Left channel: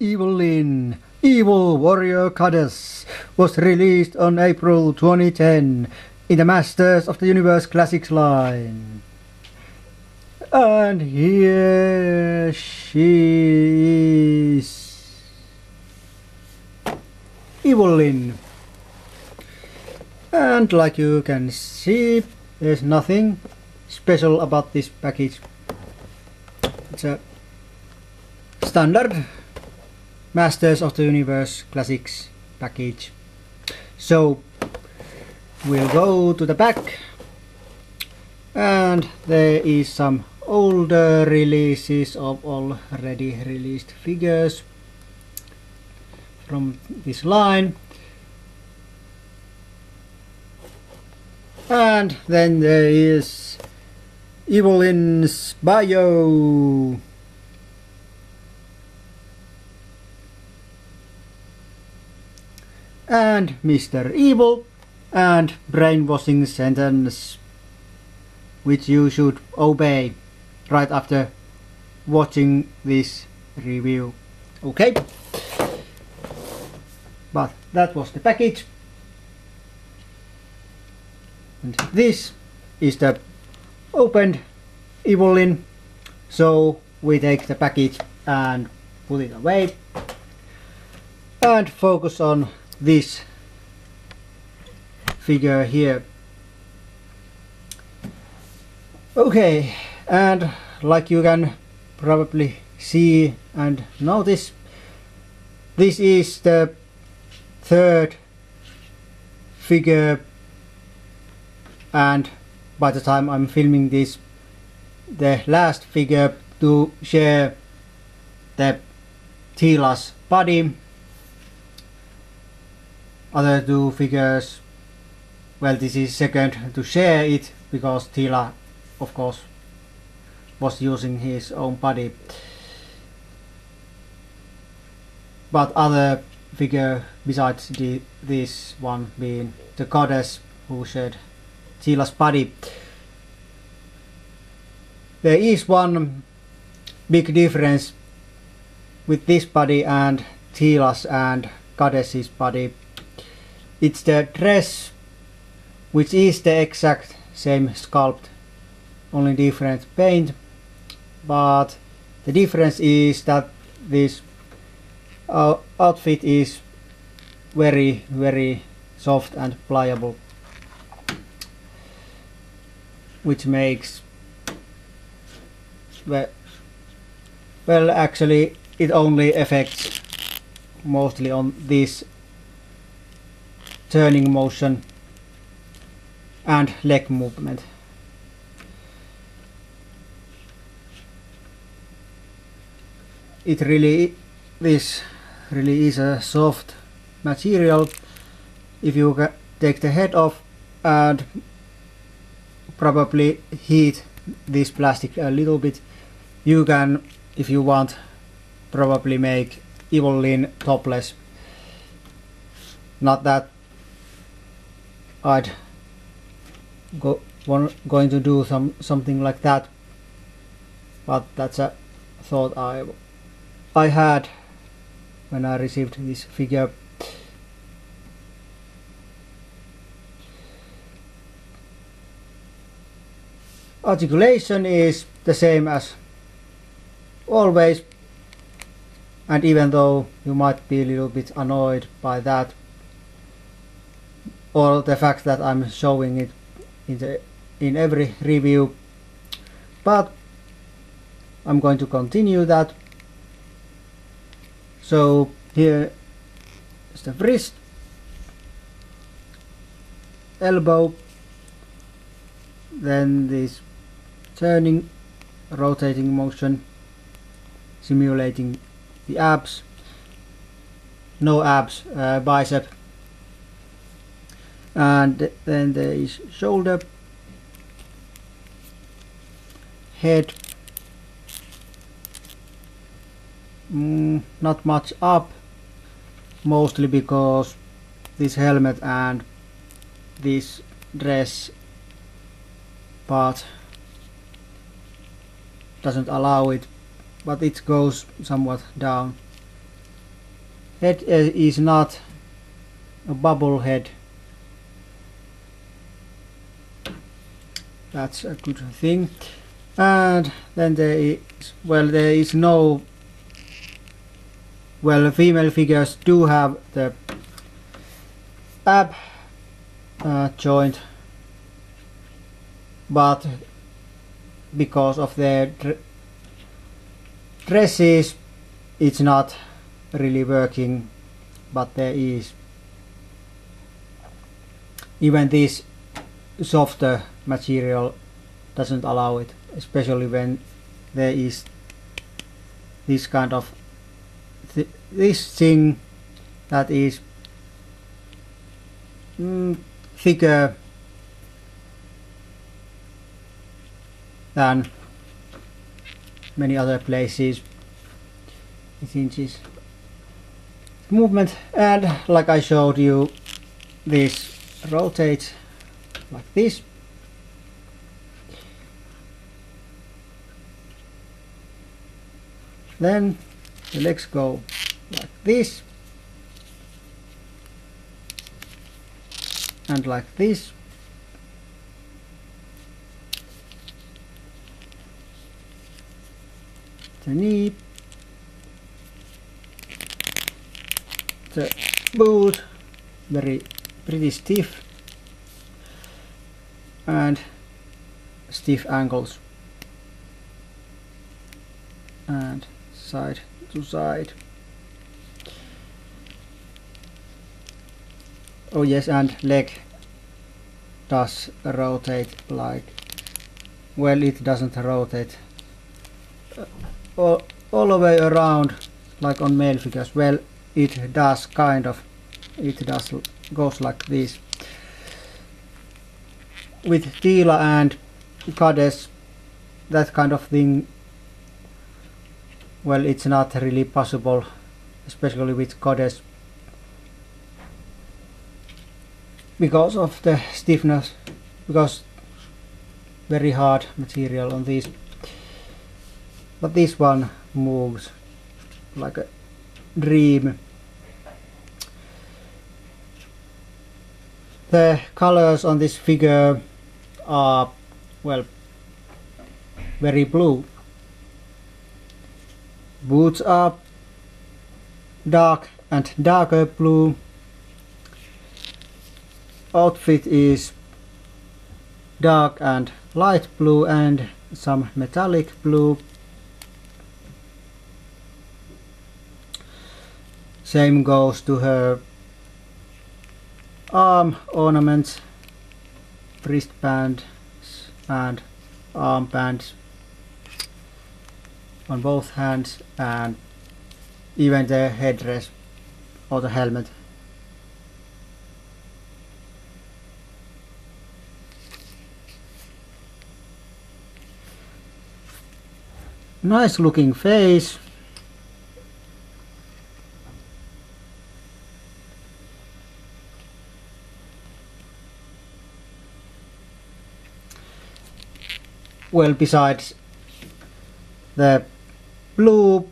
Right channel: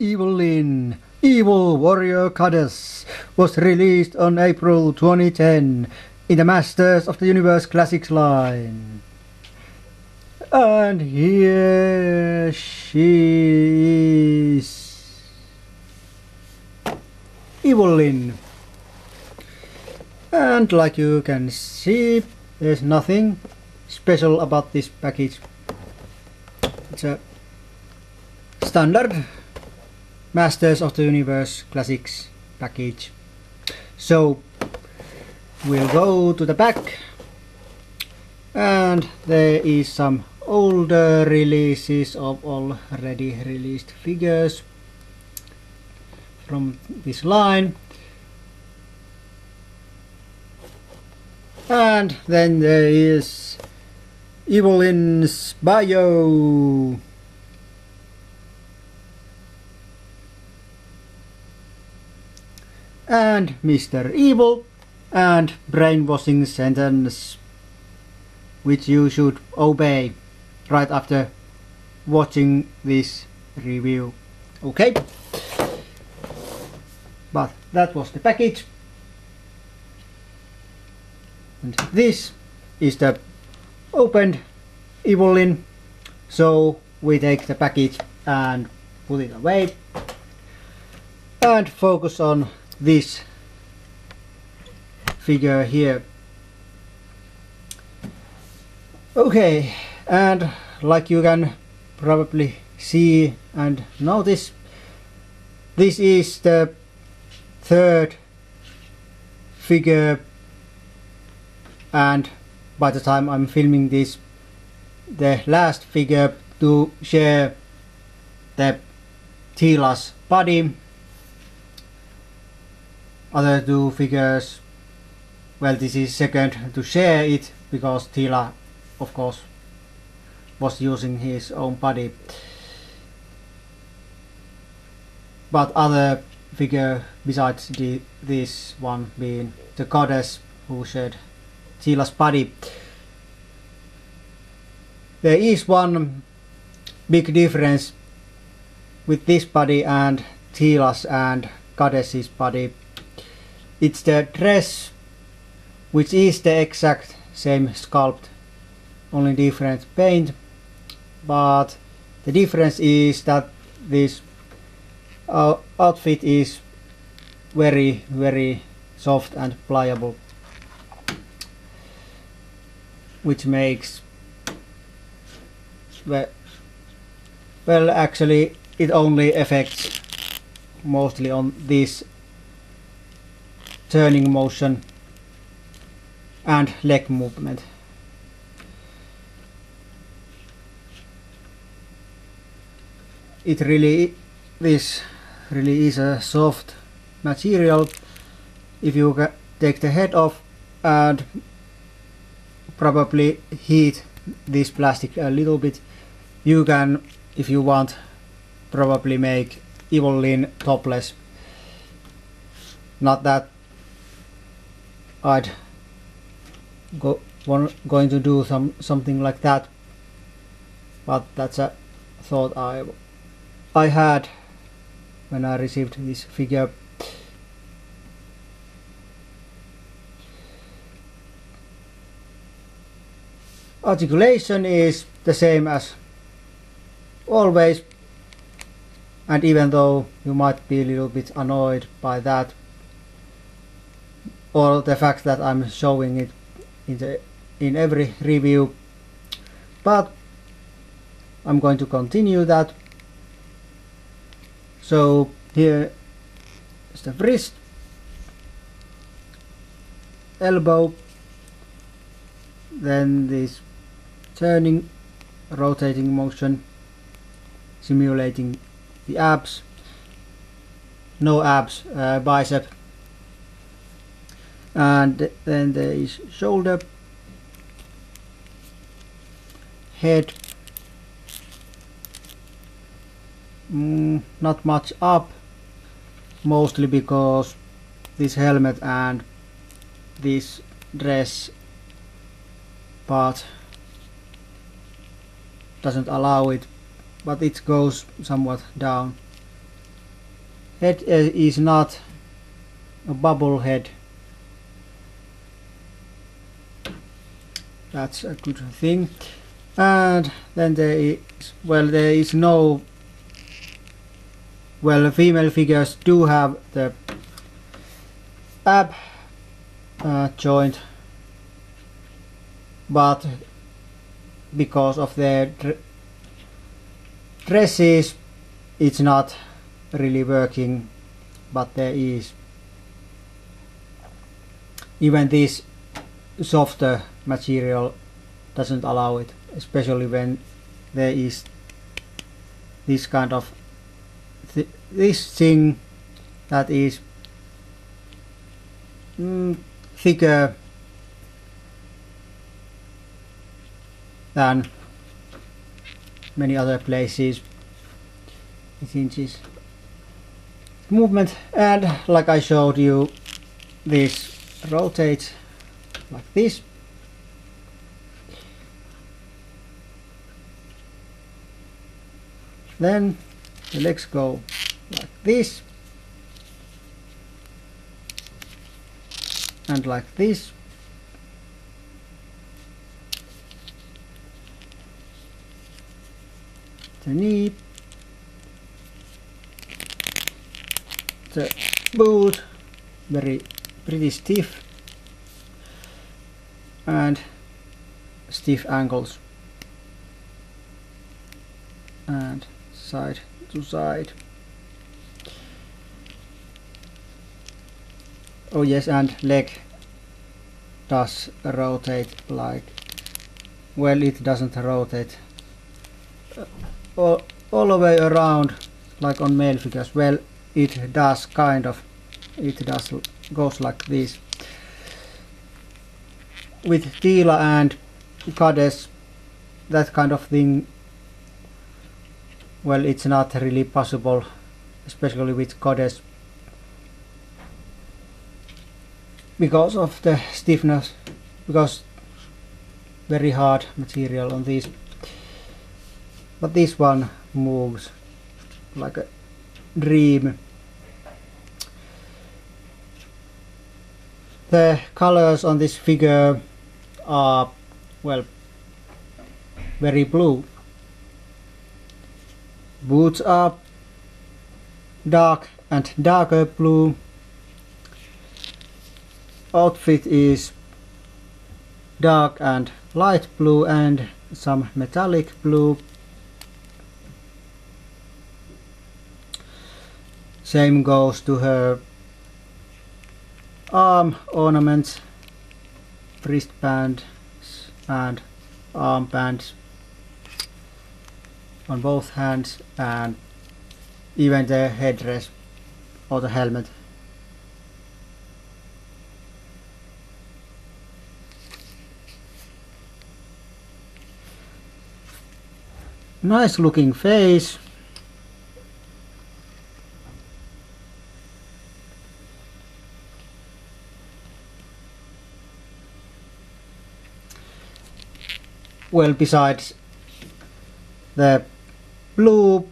Evil-Lyn, Evil Warrior Goddess, was released on April 2010 in the Masters of the Universe Classics line. And here she is. Evil-Lyn. And like you can see, there's nothing special about this package. It's a standard Masters of the Universe Classics package. So we'll go to the back, and there is some older releases of already released figures from this line. And then there is Evil-Lyn's bio. And Mr. Evil and brainwashing sentence, which you should obey right after watching this review. Okay? But that was the package. And this is the opened Evil-Lyn. So we take the package and put it away and focus on this figure here. Okay, and like you can probably see and notice, this is the third figure, and by the time I'm filming this, the last figure to share the Teela's body. Other two figures, well, this is second to share it, because Teela, of course, was using his own body. But other figure besides this one being the goddess who shared Teela's body. There is one big difference with this body and Teela's and goddess's body. It's the dress, which is the exact same sculpt, only different paint, but the difference is that this outfit is very soft and pliable, which makes, well actually it only affects mostly on this turning motion and leg movement. This really is a soft material. If you take the head off and probably heat this plastic a little bit, you can, if you want, probably make Evil-Lyn topless. Not that I'd going to do something like that, but that's a thought I had when I received this figure. Articulation is the same as always, and even though you might be a little bit annoyed by that, or the fact that I'm showing it in every review, but I'm going to continue that. So here is the wrist, elbow, then this turning, rotating motion, simulating the abs, no abs, bicep, and then there is shoulder, head, not much up, mostly because this helmet and this dress part doesn't allow it, but it goes somewhat down. head is not a bubble head. That's a good thing. And then there is no, female figures do have the ab joint, but because of their dresses it's not really working. But there is, even this softer material doesn't allow it, especially when there is this kind of this thing that is thicker than many other places. 8 inches movement, and like I showed you, this rotates like this. Then the legs go like this and like this. The knee, the boot, pretty stiff, and stiff ankles, and side to side. Oh yes, and leg does rotate like, well, it doesn't rotate all the way around like on male figures. Well, it does kind of, goes like this. With Tila and Goddess, that kind of thing, well, it's not really possible, especially with Goddess, because of the stiffness, because very hard material on these. But this one moves like a dream. The colors on this figure are, well, very blue. Boots are dark and darker blue. Outfit is dark and light blue and some metallic blue. Same goes to her arm ornaments, wristbands and armbands on both hands, and even the headdress or the helmet. Nice looking face. Well, besides the blue,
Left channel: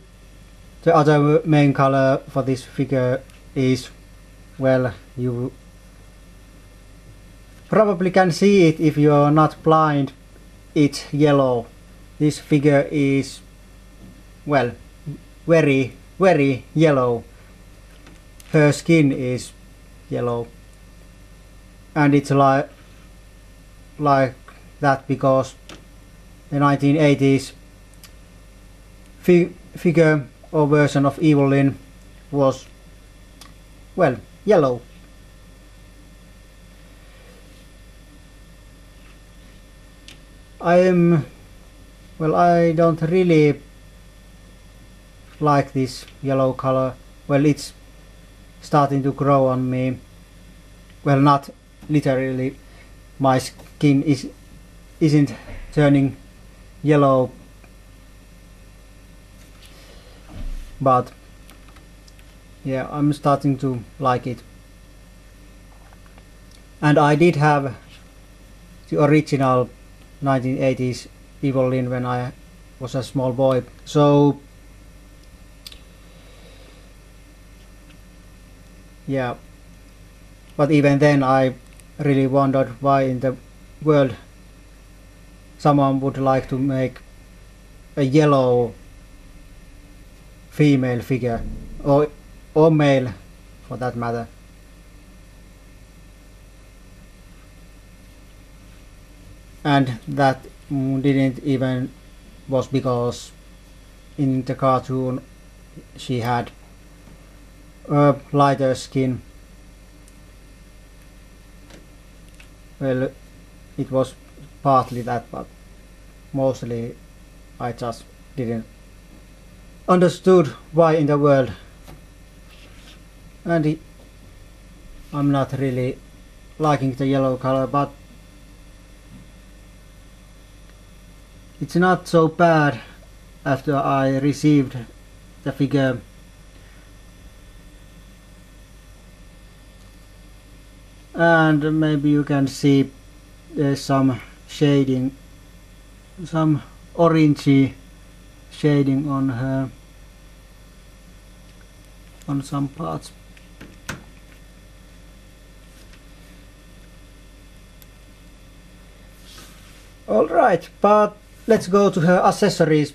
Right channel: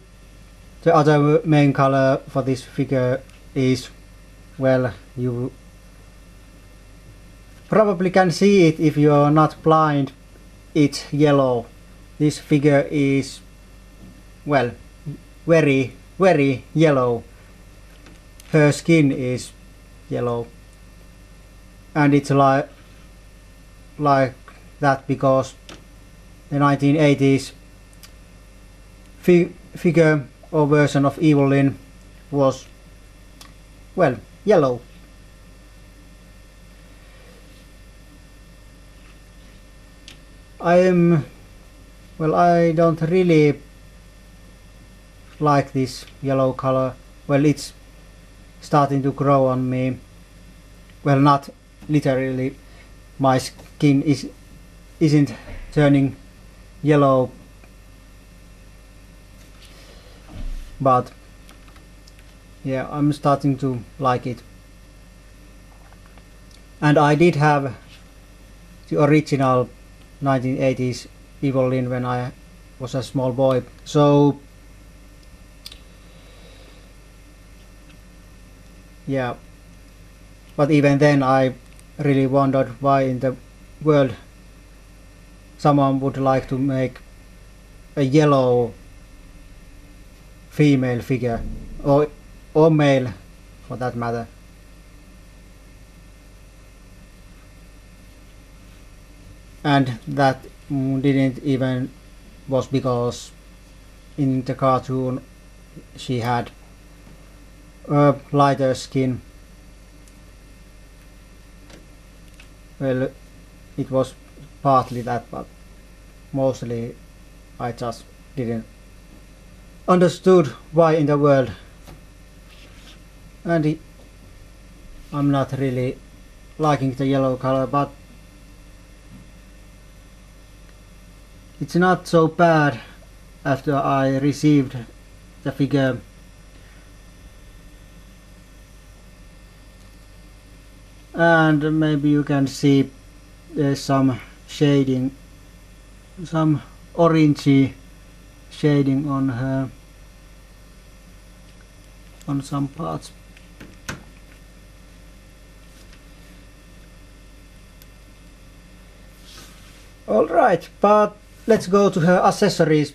the other main color for this figure is, well, you probably can see it if you are not blind, it's yellow. This figure is, well, very, very yellow. Her skin is yellow, and it's like that because the 1980s figure or version of Evil-Lyn was, well, yellow. I don't really like this yellow color. Well, it's starting to grow on me. Well, not literally. My skin isn't turning yellow, but yeah, I'm starting to like it. And I did have the original 1980s Evil-Lyn when I was a small boy, so yeah, but even then I really wondered why in the world someone would like to make a yellow female figure, or male for that matter. And that didn't even was because in the cartoon she had a lighter skin. Well, it was partly that, but mostly I just didn't understood why in the world. And I'm not really liking the yellow color, but it's not so bad after I received the figure. And maybe you can see there's some shading, some orangey shading on her, on some parts. Alright, but let's go to her accessories.